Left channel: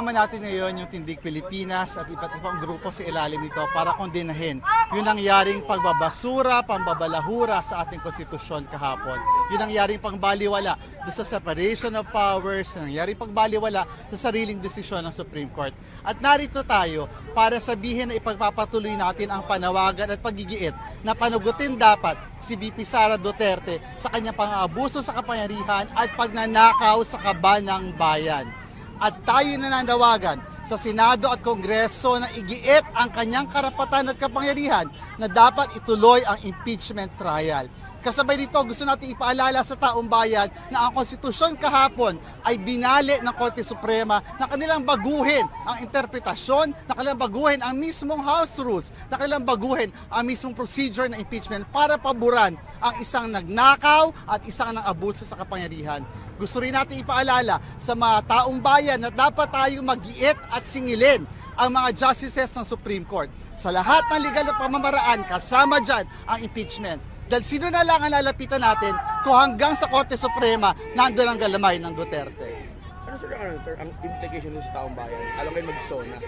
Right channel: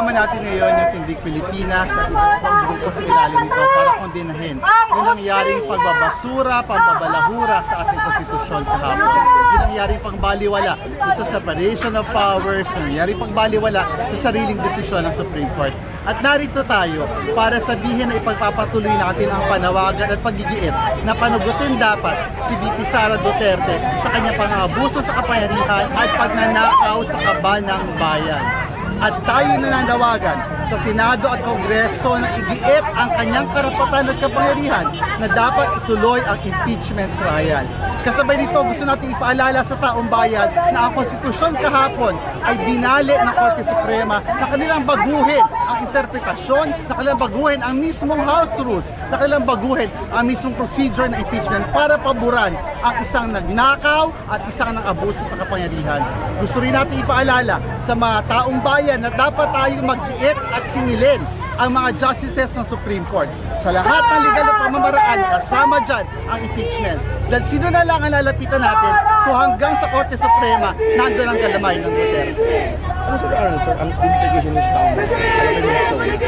Kasama natin ngayon yung Tindig Pilipinas at iba't ibang grupo sa ilalim nito para kondinahin yung nangyaring pagbabasura, pambabalahura sa ating konstitusyon kahapon. Yung nangyaring pangbaliwala sa separation of powers, yung nangyaring pangbaliwala sa sariling desisyon ng Supreme Court. At narito tayo para sabihin na ipagpapatuloy natin ang panawagan at paggigiit na panugutin dapat si VP Sara Duterte sa kanyang pangabuso sa kapangyarihan at pagnanakaw sa kaban ng bayan at tayo nananawagan sa Senado at Kongreso na igiit ang kanyang karapatan at kapangyarihan na dapat ituloy ang impeachment trial. Kasabay nito, gusto natin ipaalala sa taong bayan na ang konstitusyon kahapon ay binali ng Korte Suprema na kanilang baguhin ang interpretasyon, na kanilang baguhin ang mismong House rules, na kanilang baguhin ang mismong procedure ng impeachment para paboran ang isang nagnakaw at isang nang abuso sa kapangyarihan. Gusto rin natin ipaalala sa mga taong bayan na dapat tayong mag-iit at singilin ang mga justices ng Supreme Court. Sa lahat ng legal na pamamaraan, kasama dyan ang impeachment. Dahil sino na lang ang lalapitan natin kung hanggang sa Korte Suprema nandun ang galamay ng Duterte. Ano sir, sir, ang implication ng tao? Alam mo yung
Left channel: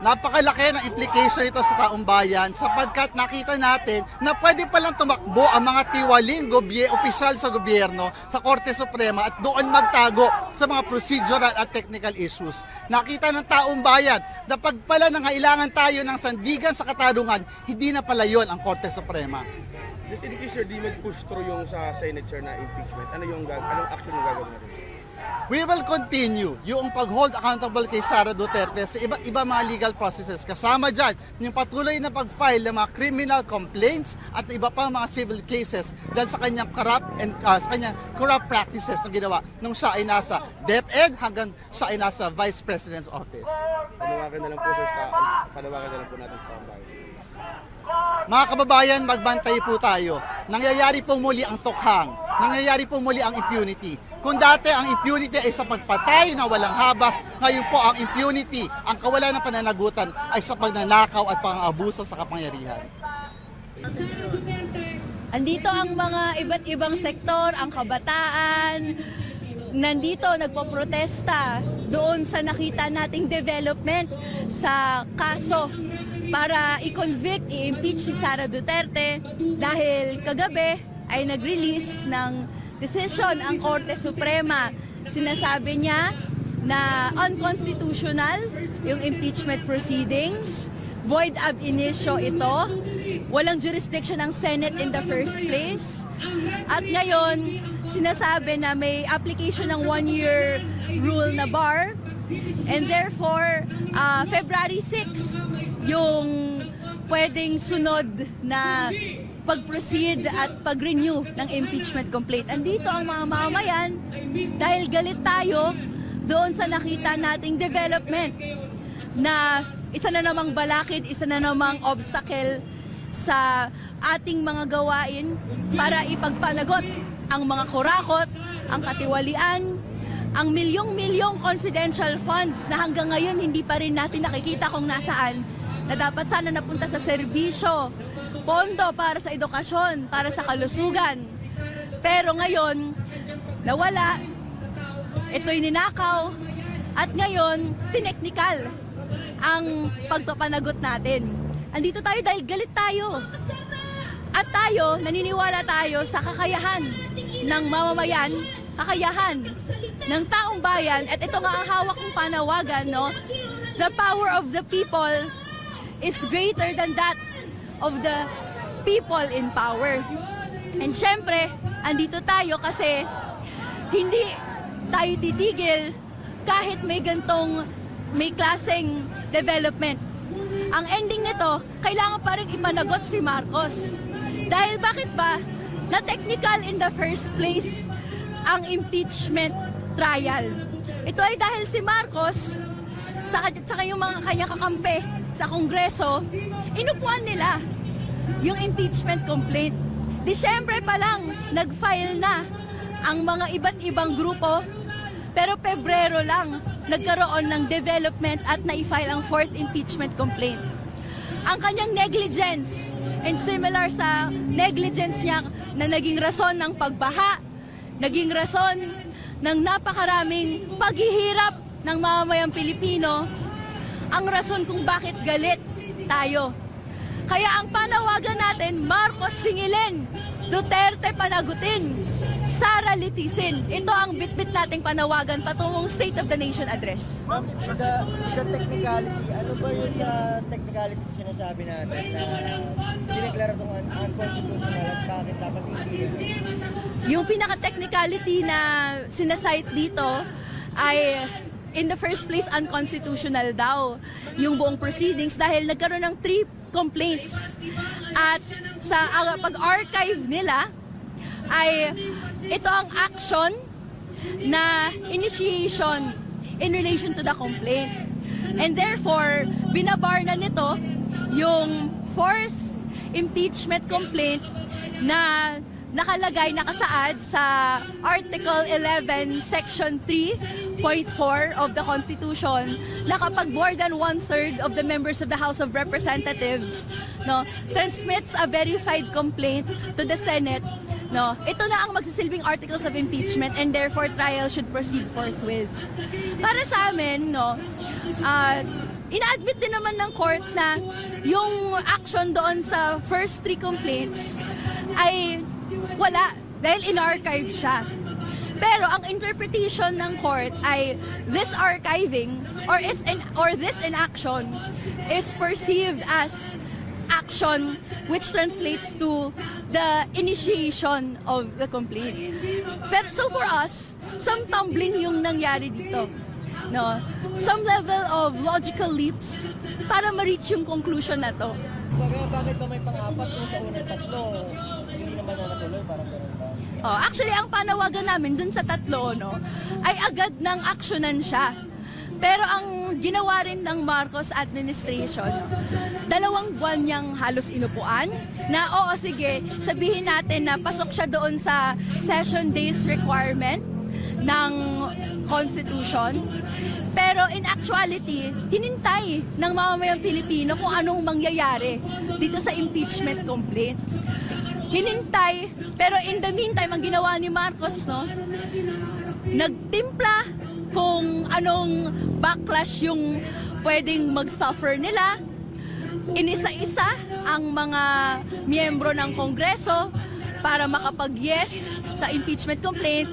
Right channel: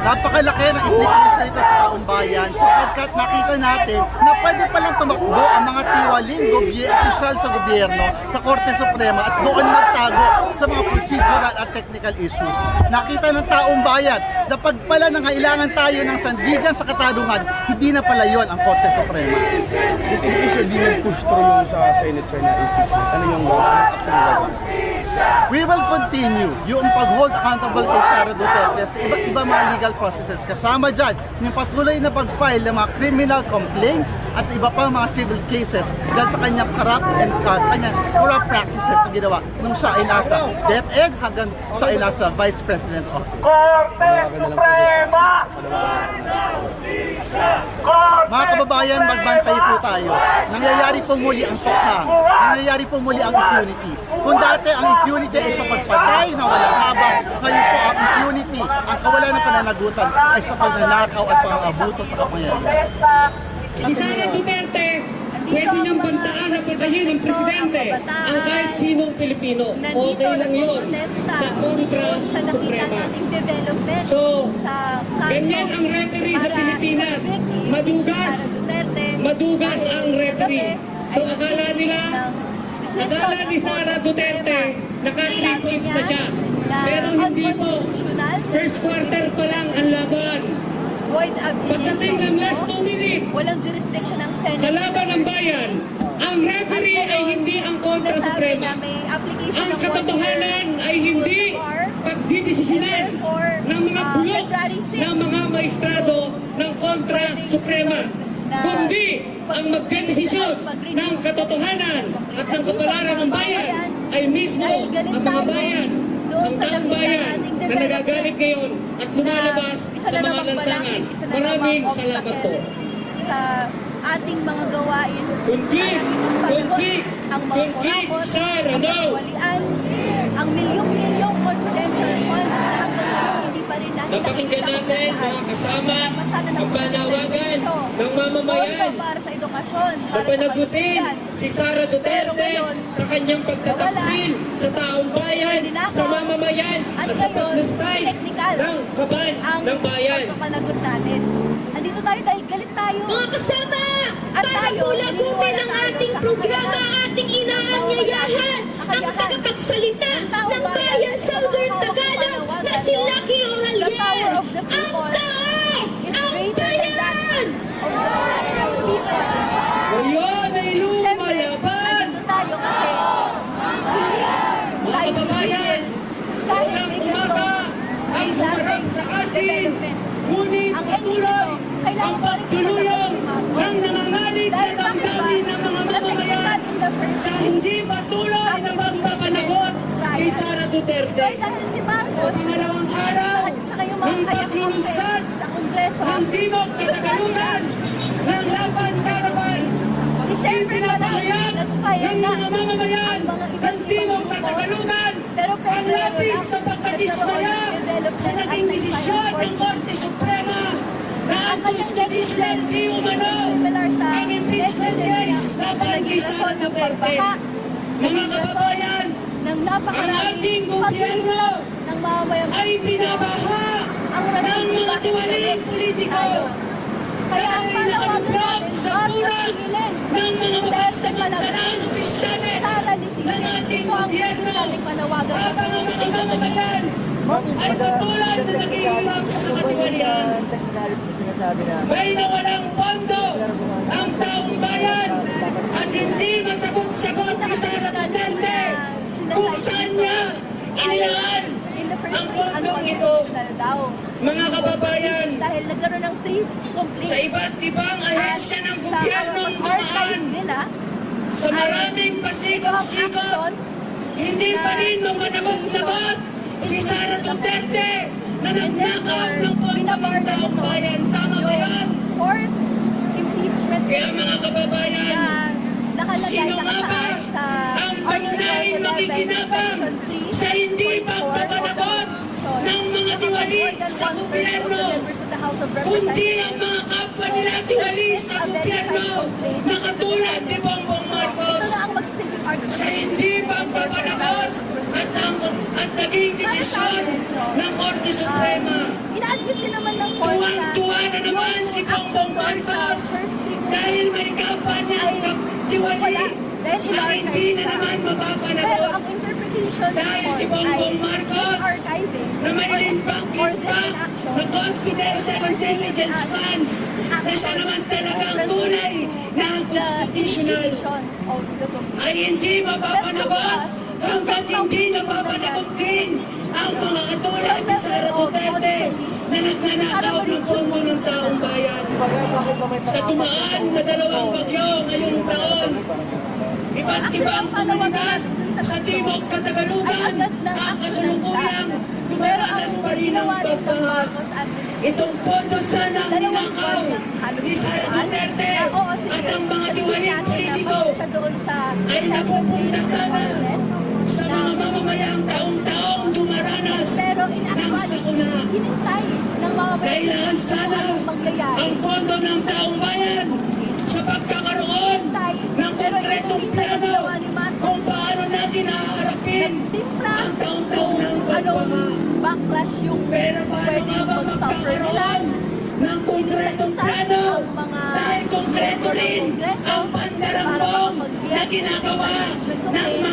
Napakalaki ng implication ito sa taong bayan sapagkat nakita natin na pwede palang tumakbo ang mga tiwaling opisyal sa gobyerno sa Korte Suprema at doon magtago sa mga procedural at technical issues. Nakita ng taong bayan na pag pala nangailangan tayo ng sandigan sa katarungan, hindi na pala yon ang Korte Suprema. If, if sir, di nag-push through yung sa Senate sir We will continue yung pag-hold accountable kay Sara Duterte sa iba't ibang mga legal processes. Kasama dyan yung patuloy na pag-file ng mga criminal complaints at iba pang mga civil cases dahil sa kanyang corrupt and uh, kanyang corrupt practices na ginawa nung siya ay nasa DepEd hanggang siya ay nasa Vice President's Office. Mga kababayan, magbantay po tayo. Nangyayari po muli ang tokhang. Nangyayari po muli ang impunity. Kung dati ang impunity ay sa pagpatay na walang habas, ngayon po ang impunity, ang kawalan ng pananagutan ay sa pagnanakaw at pang-abuso sa kapangyarihan. Si Sara Duterte, Andito pwede ang mga iba't ibang sektor, ang kabataan. ang kahit sinong Pilipino. Nandito okay nagpoprotesta doon sa nakita Suprema. nating development So, sa kaso para i-convict, i-impeach si. Sara Duterte Madugas dahil ang referee. kagabi So, ay akala nag-release ng desisyon ang Korte Suprema. Sinasabi niya na unconstitutional yung impeachment proceedings. Void ab initio ito. Walang jurisdiction ng Senate in the first bayan, place. ang At ngayon, hindi ang kontra sinasabi na may application ng one-year rule hindi na bar. And therefore, ng mga uh, February 6, ng mga maestrado yung ng kontra pwedeng sunod na magdedesisyon at pag-renew ng impeachment complaint. at kapalaran mga ng bayan mamayan ay mismo dahil galit ang mga tayo bayan. doon sa nakita nating development ngayon at na isa sa na namang balakid, isa na namang obstacle sa ating mga gawain para ipagpanagot kundi, ang mga kurakot, ang ano? katiwalian, ang milyong-milyong confidential funds na hanggang ngayon pa rin natin nakikita kung nasaan. Na dapat sana napunta sa servisyo, ng mamamayan. pondo para sa edukasyon, para sa kalusugan. si Sara Duterte Pero ngayon, sa kanyang nawala. pagtataksil sa taong bayan, sa mamamayan, At sa ngayon, pagnustay tineknikal ng kaban ang ng bayan. pagpapanagot natin. Andito tayo dahil galit tayo. Mga kasama! At para tayo, naniniwala tayo ating sa kakayahan ating ng mamamayan, kakayahan ng taong ng bayan at sa ito ang hawak ng panawagan, no? The power of the people is greater than that of the people in power. Ayun, ay And syempre, andito tayo kasi hindi tayo titigil kahit may ganitong may klaseng development. Ang ending nito, kailangan pa rin ipanagot si Marcos. Bakit ba, na technical in the first place, ang impeachment trial. Ito ay dahil si Marcos, sa, sa yung mga kanyang kampe sa Kongreso, inupuan nila yung impeachment complaint. Disyembre pa lang, nag-file na ang mga iba't ibang grupo, pero Pebrero lang, nagkaroon ng development at na-file ang fourth impeachment complaint. Ang kanyang negligence ay similar sa negligence na naging rason ng pagbaha, naging rason ng napakaraming paghihirap ng mamamayang Pilipino ang rason kung bakit galit tayo. Kaya ang panawagan natin, Marcos singilin, Duterte panagain, Sara litisin. Ito ang nating panawagan sa tuwong State of the Nation Address. Ay patuloy na naghihirap sa katiwalian. May nawalang pondo. Ang taong bayan at hindi masagot-sagot Yung pinaka-technicality na sinasite dito ay in the first place unconstitutional daw. yung buong proceedings dahil nagkaroon ng three sa complaints iba't ibang at ahensya ng sa gobyerno ang pag-archive nila sa ay maraming ito ang action hindi na pa rin initiation in relation to the na And therefore, binabar na nito yung fourth impeachment kababayan, na nakalagay, nakasaad sa Article pangunahing 11, makikinabang Section sa hindi 3.4 of the Constitution mga na kapag more than one-third of the members of the House of Representatives no, transmits a verified complaint to the Senate. No, ito na ang magsisilbing article of impeachment and therefore trial should proceed at naging Para sa amin, no, Suprema. ina-admit din naman ng court na yung action doon sa first three complaints ay wala dahil na in-archive siya. Pero ang interpretation ng court ay this archiving or this or this inaction na is perceived as action which translates to the initiation of the complaint. Pero so for us, somehow din yung nangyari ang No. Some level of logical leaps para ma-reach yung conclusion na to. Sa tumaan na dalawang bagyo ngayong taon, Oh, actually, ang panawagan namin dun sa sa tatlo Timog Katagalugan, ay agad ng aksyonan siya. Pero ang ginawa rin ng Marcos administration, dalawang buwan niyang halos Duterte na oo sige, sabihin natin na pasok siya doon sa session date requirement ng Constitution. Pero in actuality, hinintay ng mga Pilipino kung anong mangyayari. dito sa backlash yung pwedeng mag-suffer nila. Inisa-isa ang mga miyembro ng Kongreso para makapag-yes sa impeachment complaint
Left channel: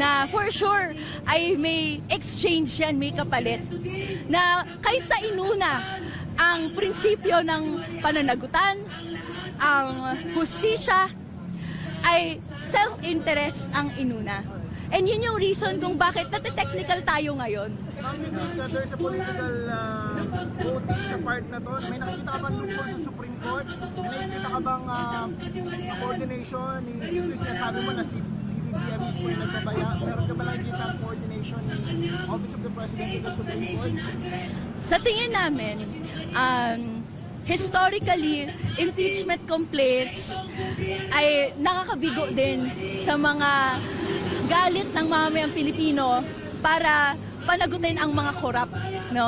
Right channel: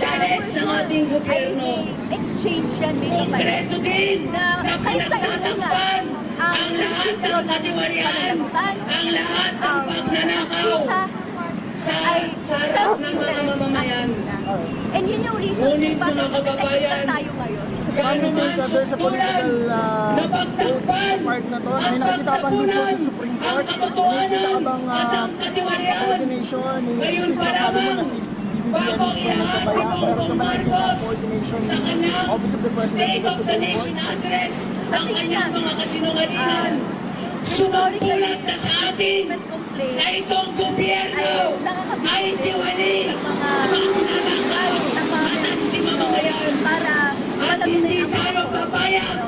na for sure ay may exchange yan, may kapalit. Na kaysa inuna ang prinsipyo ng pananagutan, ang justisya, ay self-interest ang inuna. And yun yung reason kung bakit nagtitechnical tayo ngayon. Ano sabi sa political uh, napagtakpan part na to? at May bang dito pagtagpuan sa Supreme ang Court? May katotohanan nakita ka bang at uh, ang katiwalian. coordination? Ngayon kasi pa sinasabi mo lamang, na si mismo nagkabaya. Meron ka ba Marcos nakita coordination sa ng kanyang Office of the President of the Supreme Nation Court? address Sa tingin namin. Um, historically, na impeachment na gobyerno ay nakakabigo din sa mga galit ng mga Pilipino para palamunin ang mga korap. No?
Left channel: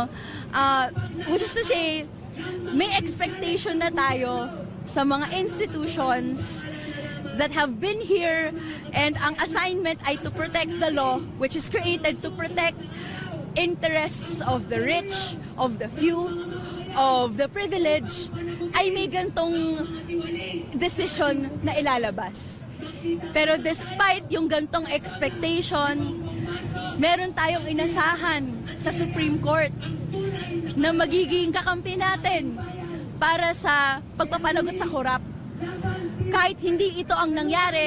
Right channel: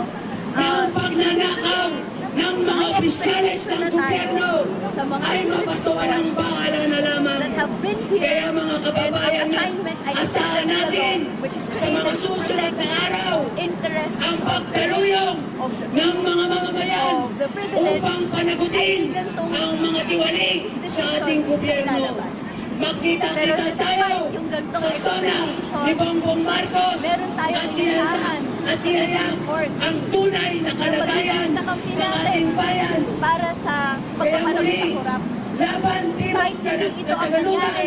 Uh, needless to say, may expectation na tayo sa mga institutions that have been here and ang assignment ay to protect the law which is created to protect interests of the rich, of the few, of the privileged, ay may gantong decision na ilalabas. Pero despite yung gantong expectation, meron tayong inasahan sa Supreme Court ang tunay na magiging kakampi natin para sa pagpapalagot sa din Kahit hindi ito ang nangyari,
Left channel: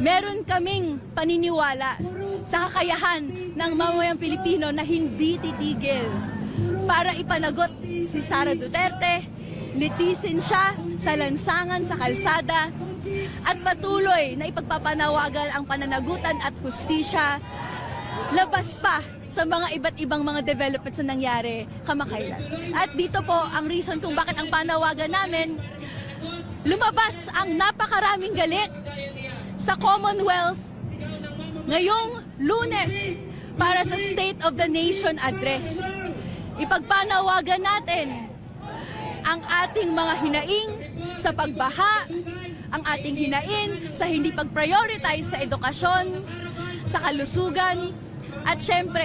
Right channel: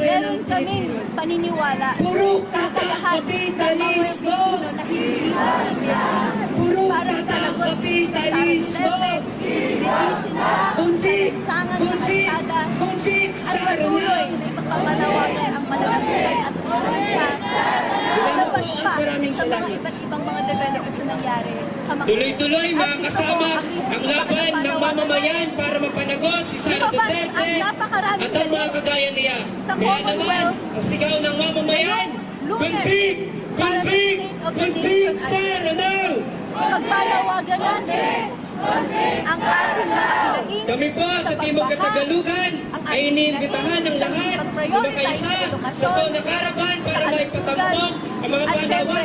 meron ng kaming paniniwala sa kakayahan ng mga Pilipino na hindi itigil para ipanagot si Sara Duterte, litisin siya sa lansangan sa kalsada at patuloy na ipagpapanawagan ang pananagutan at hustisya labas pa sa mga iba't ibang mga developments na nangyari. Tuloy-tuloy mga kasama ang laban ng mamamayan para mapanagot si Sara Duterte ang napakaraming niya. sa Commonwealth ang sigaw ng mamamayan, ngayong lunes "Convict! para sa! State of the Nation address. Now!" Ipagpanawagan natin ang ating mga hinaing Kami po sa sa Timog pagbaha, ang ay ating hinaing ng sa hindi pag-prioritize sa edukasyon, sa kalusugan, at syempre,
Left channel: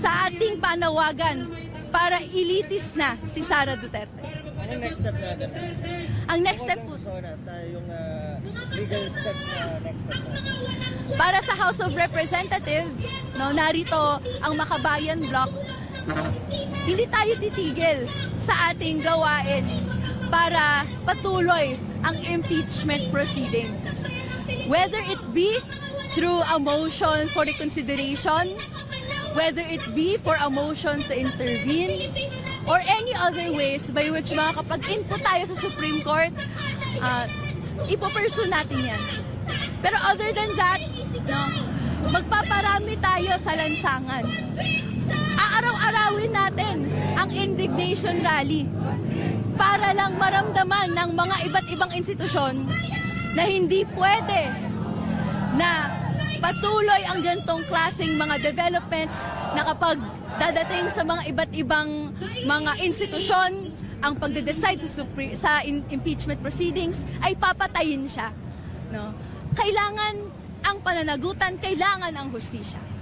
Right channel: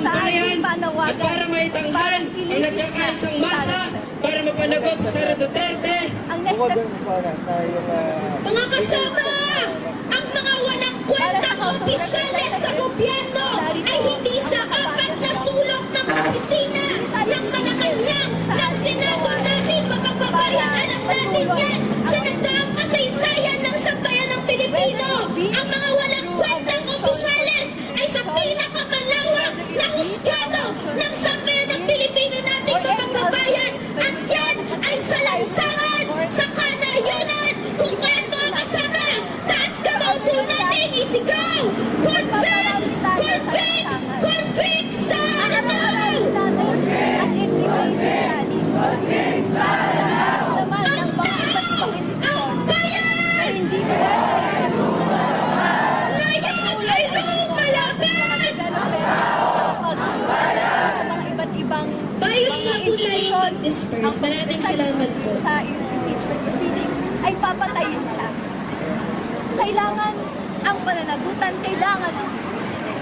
sa ating bayan panawagan para ilitis na si Sara Duterte. para mapanagot si Sara Duterte Ang next step Mga kasama, ang mga walang Para sa House of opisyalis sa Representatives, gobyerno. narito ay hindi ang sa makabayan na sulok ng opisina Hindi tayo ng titigil sa ng ating gawain para patuloy ang impeachment proceedings. sambayan ng Whether Pilipino. it be Ang mga walang through a motion for consideration, whether it be for a motion to sambayan ng intervene, Pilipino natin or any other ways by which nakakapag-isa tayo sa Supreme Court, kung ipapursue natin other than that, natin isigaw! magpaparami tayo sa lansangan. Convict sa Aaraw-arawin natin ang indignation rally para lang maramdaman ng mga iba't ibang institusyon na hindi pwede na patuloy ang ganitong klaseng mga developments na kapag dadating sa mga iba't ibang mga institusyon ang pag-decide sa im- impeachment proceedings ay papatayin siya. Kailangan ang pananagutan, kailangan ang justisya.